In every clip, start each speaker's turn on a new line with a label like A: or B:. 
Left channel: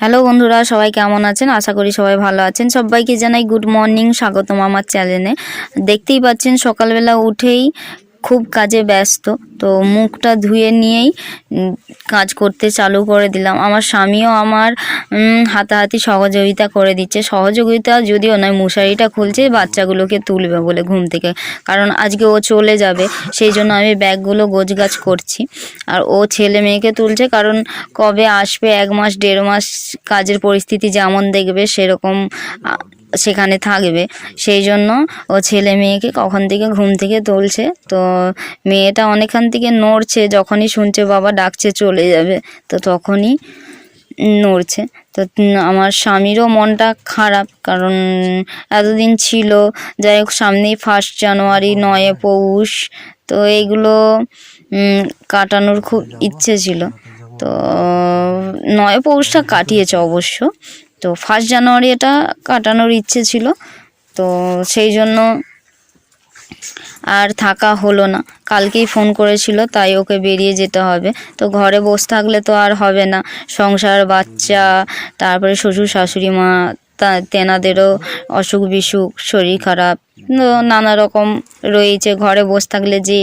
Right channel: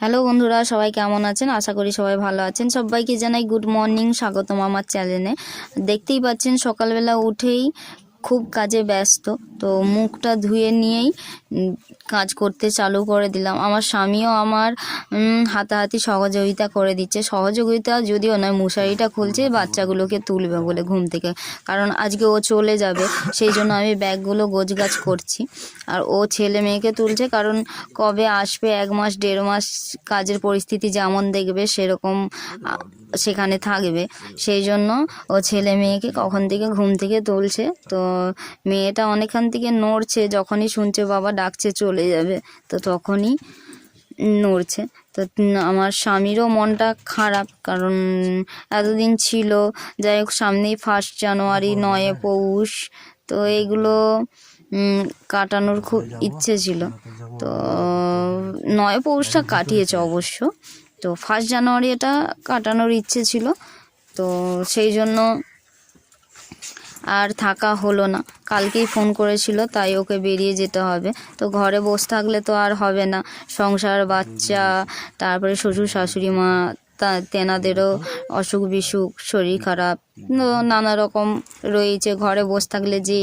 A: Hello বন্ধুরা, সবাই কেমন আছেন? আশা করি সবাই ভালো আছেন। সবাইকে জানাই গুড মর্নিং স্বাগতম আমার চ্যানেলে দেখতেই পাচ্ছেন, সকালবেলা উঠেই খুব কাজে ব্যস্ত, তো মুখটা ধুয়ে নিয়েই কাজ করতে চালু করে দিলাম। আমার স্বামীও আমার হাতাহাতি সহযোগিতা করে দিচ্ছে। সহযোগিতা যদিও নয়, মশারিটা খুলছে, বাচ্চাগুলোকে তুলবে বলে ঘুম থেকে। কারণ আজকে ও চলে যাবে, সেই জন্য আমি ব্যাগগুলো গোছগাছ করছি। আর ও ছেলে মেয়েকে তুলছে, কারণ কবে আসবে, এক মাস, দেড় মাস, কাজের পরিস্থিতি যেমন দেখবে, সেরকম সেখানে থাকবে। সেই জন্য ও ছেলে মেয়েকে কখন থেকে ঘুম থেকে তুলছে তো মেয়েটা অনেকখান থেকে নড়ছে যখনই শুনছে বাবা ডাকছে চলে যাবে তো তখনই নড়ছে। তো আমার স্বামীরও মনটা খারাপ কারণ এতদিন ছিল যাই হোক সামনেই ফার্স্ট জানুয়ারি নয়ে পৌষ তো এইগুলো কাটানোর খুব ইচ্ছে ছিল। তো নয় পৌষটা কাটিয়েছে অবশ্য। তো ফার্স্ট জানুয়ারি এটা কাটানোর ইচ্ছে ছিল তো সেই জন্য আর থাকা হলো না। কালকেই ফোন করেছিল তাই ওকে বেরিয়ে যেতে হবে। তো ঘরে বসে থাকলে তো আর হবে না। সংসার বাচ্চা তারপরে শ্বশুর শাশুড়ি মা তা তেনাদেরও অসুখ বিসুখ, শরীর খারাপ নানা রকম রয়েছে। ঘরে বসে থাকলে যে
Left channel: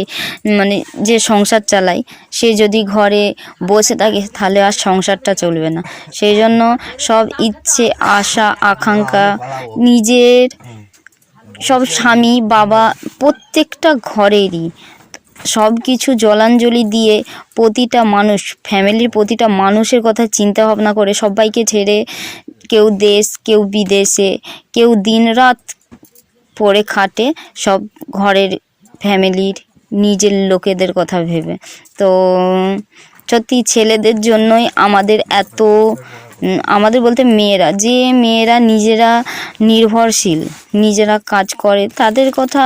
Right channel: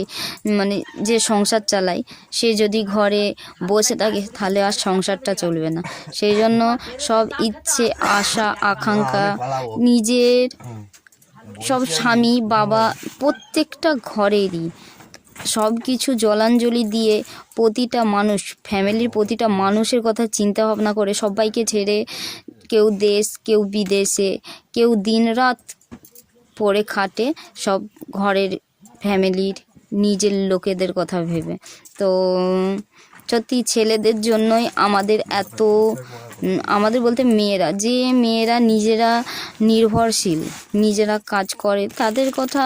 A: মানে যে সংসার চালায় সে যদি ঘরে বসে থাকে, তাহলে আর সংসারটা চলবে না। সেই জন্য সব ইচ্ছে, আশা, আকাঙ্ক্ষা, নিজের সব স্বামী, বাবা, প্রত্যেকটা ঘরেরই সব কিছু জলাঞ্জলি দিয়ে প্রতিটা মানুষ ফ্যামিলির প্রতিটা মানুষের কথা চিন্তা ভাবনা করে সবাইকে ছেড়ে কেউ দেশ, কেউ বিদেশে, কেউ দিনরাত পড়ে খাটে সব ঘরের ফ্যামিলির, নিজের লোকেদের কথা ভেবে। তো, সত্যি ছেলেদের জন্যই আমাদের এত আমাদের বলতে মেয়েরা, যে মেয়েরা নিজেরা নির্ভরশীল, নিজেরা কাজ করে, তাদের কথা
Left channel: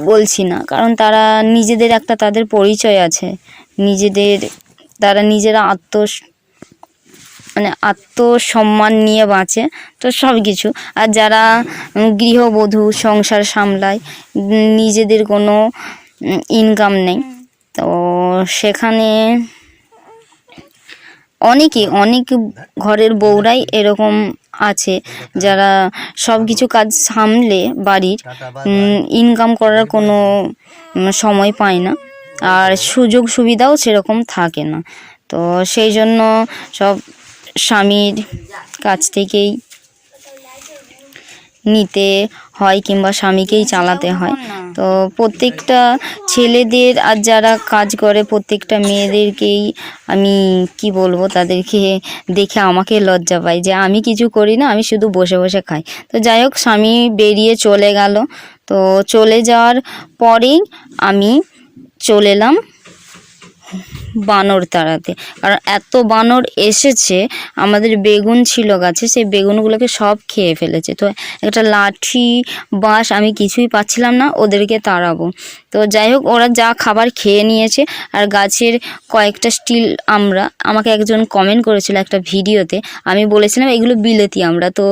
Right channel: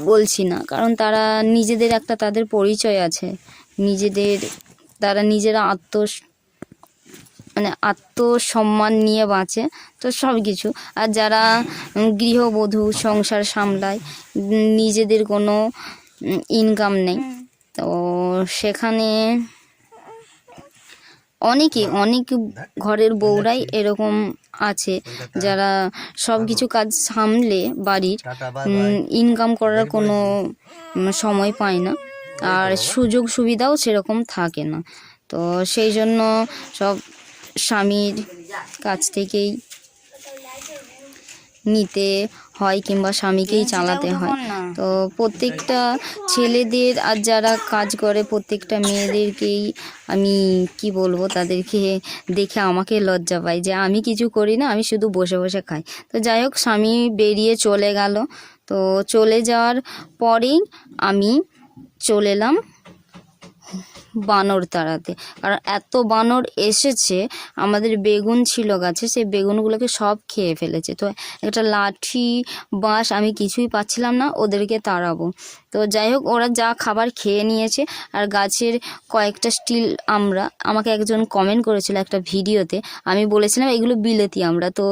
A: বলছি না। কারণ তারা নিজেদের একটা তাদের পরিচয় আছে। নিজেদের, তারা নিজেরা আত্ম মানে আত্মসম্মান নিয়ে বাঁচে, তো সব কিছু আর যারা গৃহবধূ, সংসার সামলায় নিজেদের কোনো ইনকাম নেই, তো সেখানে অনেকে, অনেক ঘরের বউরাই এরকম আছে, যারা সব কিছু কাজ সামলে বাড়ির ইনকাম করার কোনো সময় পায় না। আর সুযোগ সুবিধাও সেরকম থাকে না। তো সেই জন্য সব স্বামীর কাছ থেকেই নিতে হয় কিংবা স্বামীকেই চালাতে হয়। তো প্রত্যেকটা ছেলেদের আর যারা কাজ করে প্রত্যেকটা মেয়েদেরকেই আমি কি বলব তাদেরকে দেখে আমাকে লজ্জা পাই যে আমি কিছু করি না আমি শুধু বসে বসে খাই। তো যাই হোক স্বামী বেরিয়ে চলে গেল। তো চলে যাওয়ার পরেই আমি চলে এলাম বানর তাড়াতে। কারণ এত বানর এসেছে, আমাদের বেগুন ছিল গাছে, সেই বেগুনগুলোকে সব খেয়ে ফেলেছে। তো একটা লাঠি, বাঁশ আমি কিছুই পাচ্ছিলাম না, ওদেরকে তাড়াবো। তো যাই হোক, ওরা যা খাবার খেয়ে নিয়েছে, আর গাছের কয়েকটা স্টিল আমরা, আমাকে একজন কমেন্ট করেছিল একটা ভিডিওতে, আমি বলেছিলাম, এগুলো বিলেতি আমরা। তো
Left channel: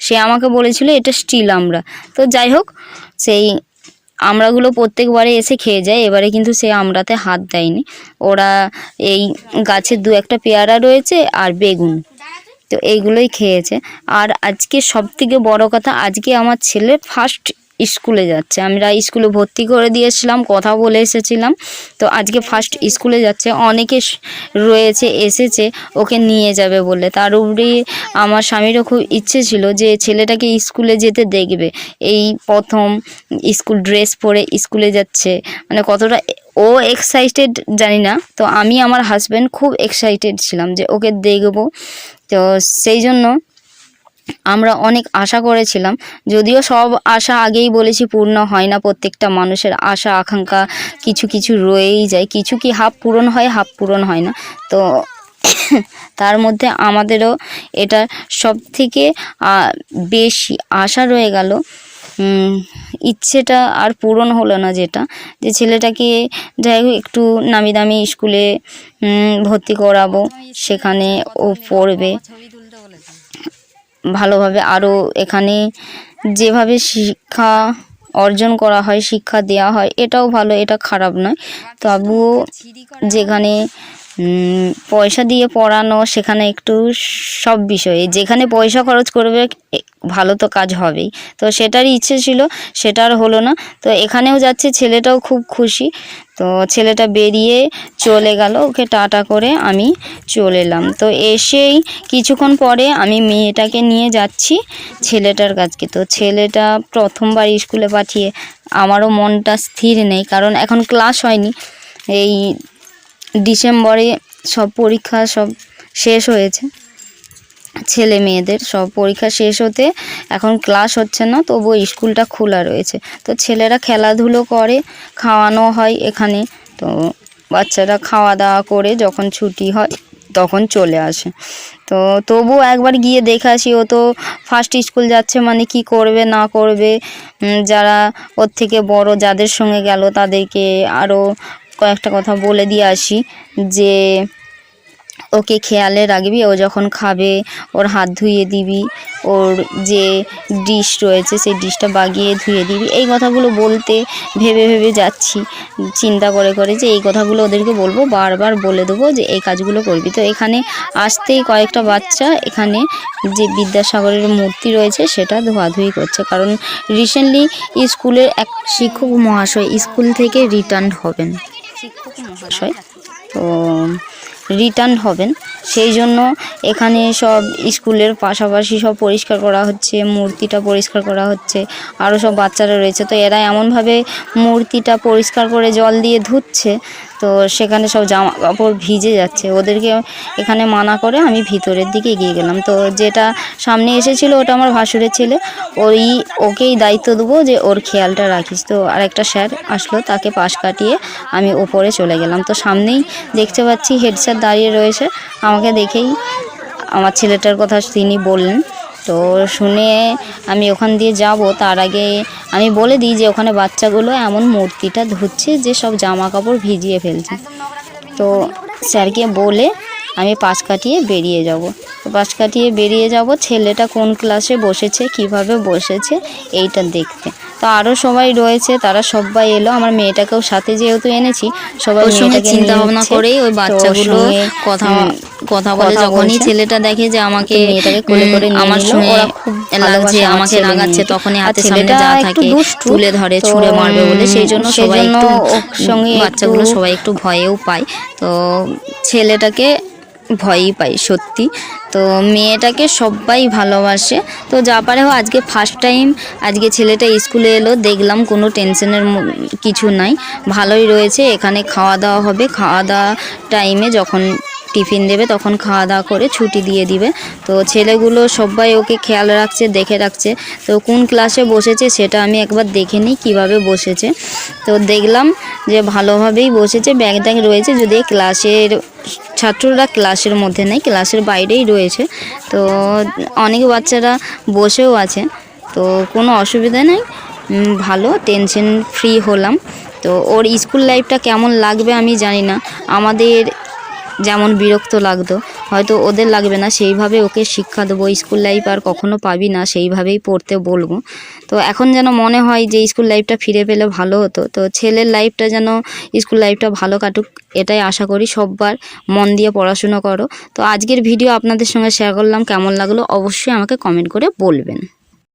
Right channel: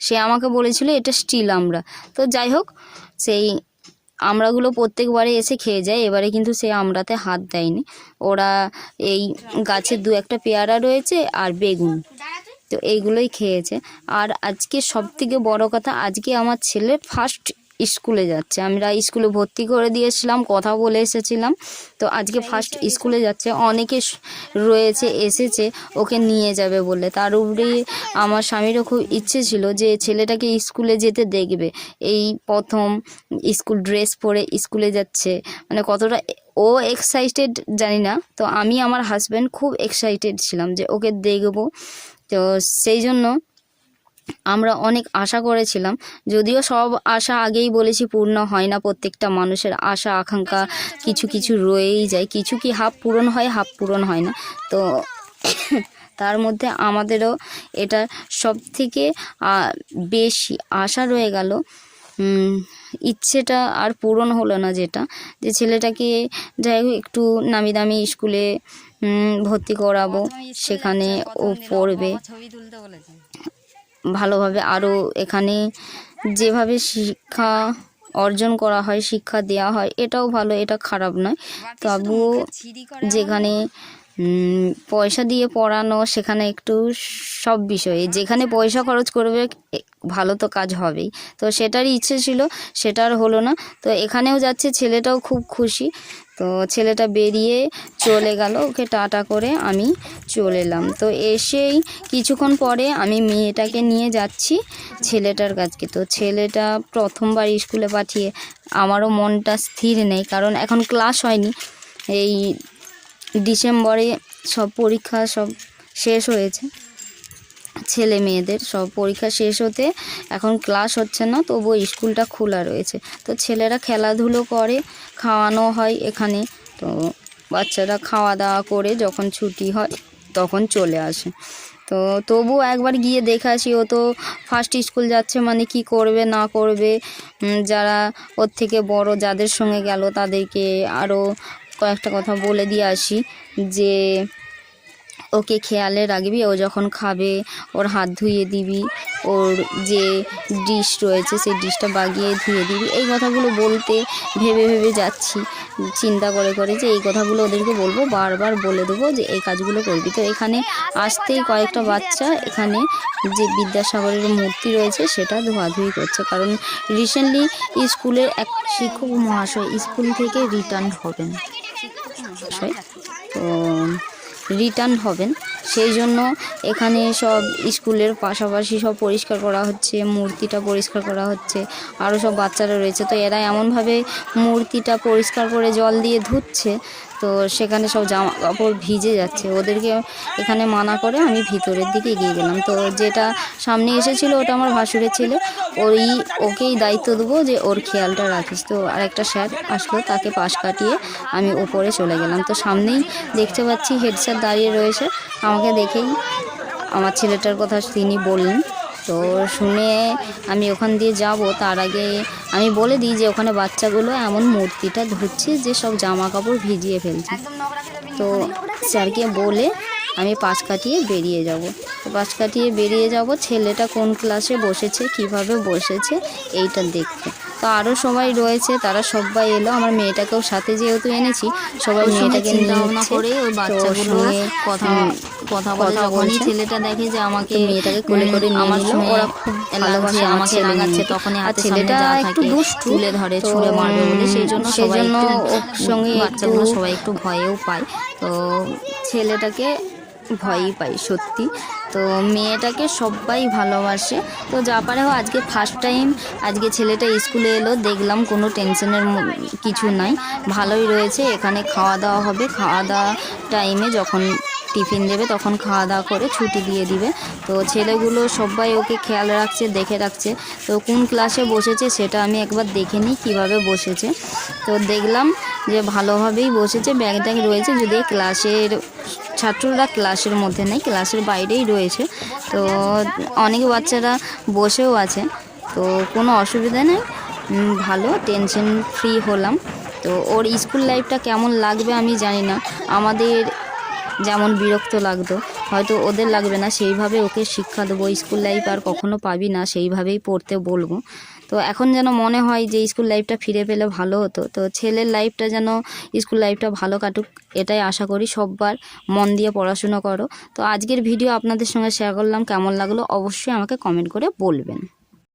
A: সে আমাকে বলেছিল, এটা স্টিল আমরা। তো যাই হোক, সেই আমড়াগুলো প্রত্যেকবারে এসে খেয়ে যায়, এবারে কিন্তু সে আমড়াতে হাত দেয়নি। ওরা এই গাছের দু একটা পেয়ারা রয়েছে আর বেগুন, তো এইগুলোই খেয়েছে। আর আজকে সব থেকে বড় কথা, আজকে আমার ছেলে ফার্স্ট স্কুলে যাচ্ছে। আমরা স্কুলে ভর্তি করে দিয়েছিলাম কথা বলে এসেছিলাম। তো আজকে ফার্স্ট স্কুলে যাচ্ছে অনেকে রয়েছে এসেছে ওকে নিয়ে যাবে বলে। তার উপরে আমার স্বামীরও খুব ইচ্ছে ছিল যে ছেলেটাকে স্কুলে যেতে দেখবে। এই প্রথম স্কুল ড্রেস পরে স্কুলে যাচ্ছে। মানে কতটা ও এক্সাইটেড জানি না। তো আমি আমার হাজব্যান্ড খুব এক্সাইটেড ছিলাম যে ওকে দেখব। তো সেই জন্য আমরা অনেক আশা করেছিলাম যদিও সব আশা আগেই বলেছি পূর্ণ হয় না। প্রত্যেকটা মানুষের আশা আকাঙ্ক্ষা কিছু কিছু রয়েই যায়। কিছু কি হাফ পূরণ হয় হাফ পূরণ হয় না। তো তার মধ্যে আমাদেরও এটা সব থেকে বেশি আশা রয়ে গেল। ইচ্ছেটা আর পূরণ হলো না যেটা। যে ছেলেটাকে যাই হোক একটু নামি দামি স্কুলে ভর্তি করাবো সেখানে ও পড়বে। ভালোভাবে আরও এখানে যেভাবে শিক্ষা অর্জন করা হয়, শিক্ষা দেওয়া হয়, এটাও ভালো, এটা খারাপ নয়। তবুও যেখানে পয়সা দিয়ে পড়ানো, সেখানে একটু সব বিষয়ে, যেখানে পয়সা খরচ করবে ভালো তো কাজ হবেই। তো সেটারই ইচ্ছে ছিল সেটা আর হলো না। তো এখানেও যাচ্ছে, ছেলেটাও খুব খুশি। তো ছেলেটা বেরিয়ে চলে গেল, ওকে টাটা করে আমি চলে এলাম। তো এসেই কিছুক্ষণ পরে আমি মেয়েটাকে নিয়ে যাচ্ছি ছেলেটার কাছকে। তো ছেলেটা প্রথমবার স্কুলে পাঠিয়ে আমারও মনটা স্থির নেই, কারণ এখন ক্লাস হয়নি। এই ডিসেম্বরে সব পরীক্ষা সব শেষ হয়েছে। ছেলে মেয়েদের সব পরীক্ষা শেষ হতে এখন ক্লাস হচ্ছে না তবুও স্কুলটা খোলা রয়েছে। তো ছেলেরা খেলাধুলো করে, খাওয়ানো হয় এখানে। তো বাচ্চারা খাওয়া দাওয়া করে যখন ছুটি হয়, তখন চলে আসে। তো তবু একবার গিয়ে দেখে আসি, ও তো ফার্স্ট স্কুল যাচ্ছে মানে কি করবে, না করবে। যারা ওর থেকে বড় যাদের সঙ্গে গেল, তাদেরকে আরও কয়েকটা কথা বলে দিয়ে আসি যে ওকে খেয়ালে রাখবি ও যখন খাবে ওর হাত ধুয়ে দিবি ওর যে ডিশ রয়েছে সেই ডিশটা বাগিয়ে ধুয়ে দিবি। এই কথাগুলো বলতে ভেবে ভেবে যাচ্ছি। চিন্তা করে করে যে এই কথাগুলো ওদেরকে বলব বারবার বলে দেবো যে এই কাজগুলো করবি। তো এখানে আসতেই কয়েকটা বাচ্চা এখানে যে বিদ্যাসাগরের মূর্তি রয়েছে সেটা ধোয়াধুয়ি করছে। কারণ রিসেন্টলি স্কুলের এক শিক্ষক মহাশয় স্কুল থেকে রিটার্ন হবেন। মহাশয়? তো রিটার্ন হবেন। সেই জন্য এখানে সব স্কুলের পাশাপাশি সব পরিষ্কার করা হচ্ছে, মূর্তিটা পরিষ্কার করা হচ্ছে আরও সব বাচ্চারা রয়েছে। তো এরা এমনভাবে মূর্তিটা পরিষ্কার করে জল দিয়ে ধুচ্ছে তো সেখানে সব জামা কাপড় ভিজে যাচ্ছে। ওদেরকে এখানে মানা করে আমি ভিতরের দিকে এগিয়ে গেলাম। তো যেটা সামনে এসেছিল ওটা আমার ভাসুরের ছেলে। ওই ওকেই দায়িত্ব দেবো যে ওর খেয়ালটা রাখিস। তো আর একটা স্যার আসলো, তাকে পাশ কাটিয়ে আমি ওপরে চলে গেলাম। তো সামনেই দেখতে পাচ্ছি হেড স্যার দাঁড়িয়ে রয়েছে। আমাকে দেখেই আমার ছেলেটার কথা তিনি বললেন। তো শুনে আমি ওখান দিয়ে যাব। তার আগে আমি বলে দিই যে ওখানে বাচ্চাগুলো এমন মূর্তিটা ধুচ্ছে যে সব জামা কাপড় ভিজিয়ে ফেলছে। তো স্যারকে বলে আমি পাশ কাটিয়ে বেরিয়ে যাব। তো পাশ কাটিয়ে বেরিয়ে যাব ছেলেটা কোন ক্লাসে বসেছে কীভাবে বসেছে এইটা দেখতে। তো আরও সবাই রয়েছে তারা সবাই এলো। আমার মেয়েটাকেও সাথে যেহেতু এনেছি সবাই
B: সঙ্গে চিন্তা ভাবনা। করে ওই বাচ্চাগুলো কথা কথা বলে যখনই ছেলেটা দেখে যে আমাকে
A: মেয়েটাকে কোলে করে
B: আমার সঙ্গে
A: খুব
B: লাগছে আমাকে রাগাচ্ছে তখনই
A: আর
B: হাতের সামনে
A: ছেলেটা
B: যা থাকে তুলে ধরে ছুঁড়ে মারবে বলে সেই জন্য সবাই একটু
A: ওর সঙ্গে
B: বাচ্চাগুলো সবাই একটু ভয়েও পায়। তো ছেলেটাকে ভয়ই পাই, সত্যি। তো মেয়েটাকে সবাই ভালোবাসে। তো যা পারে হোক, আজকে ফার্স্ট টাইম আজকে ছেলেটা স্কুলে এলো, দেখলাম কোনো টেনশনের কিছু নাই। ভালোই রয়েছে, এখানে খাওয়া দাওয়া হবে। খাওয়া দাওয়া টাইমে যখন টিফিন দেবে, তখন খাওয়া দাওয়া করে ছুটি দিয়ে দিবে। তো ছেলেগুলো সবাই ওকে খেয়াল রাখছে, দেখে রাখছে। তো কোন ক্লাসে বসেছে সেটা আমি একবার দেখে নিই, কীভাবে বসেছে। তো দেখলাম যে ভালোভাবেই বসেছে ব্যাগ ট্যাগ রয়েছে। যদি ক্লাসের ছাত্ররা ক্লাসের মধ্যে নেই, ক্লাসের বাইরেই রয়েছে। তো অনেক বাচ্চারা বসেও আছে। তো কোনো অসুবিধা নেই। ভালো টেনশন ফ্রি হলাম। তো ওর স্কুল লাইফটা কেমন লাগবে আমি জানি না। আমাদের যেমন বিরক্ত লাগতো। হয়তো ওদের লাগবে না, সেইভাবে ওকে শিক্ষা দেবো। স্কুল লাইফ আর কখনো পাবি না, সেইভাবেই পড়তে বলব। তো এখন যেন মনে হয় যে স্কুল লাইফটা ফিরে পেলে ভালো হতো। তো ছেলের লাইফটা যেন স্কুল লাইফটা ভালো কাটুক, এটাই আশা করি। সববার মন দিয়ে পড়াশুনো করো। তো আজকের ভিডিও আপনাদের সঙ্গে শেয়ার করলাম। কেমন লাগল অবশ্যই আমাকে কমেন্ট করে বলবেন।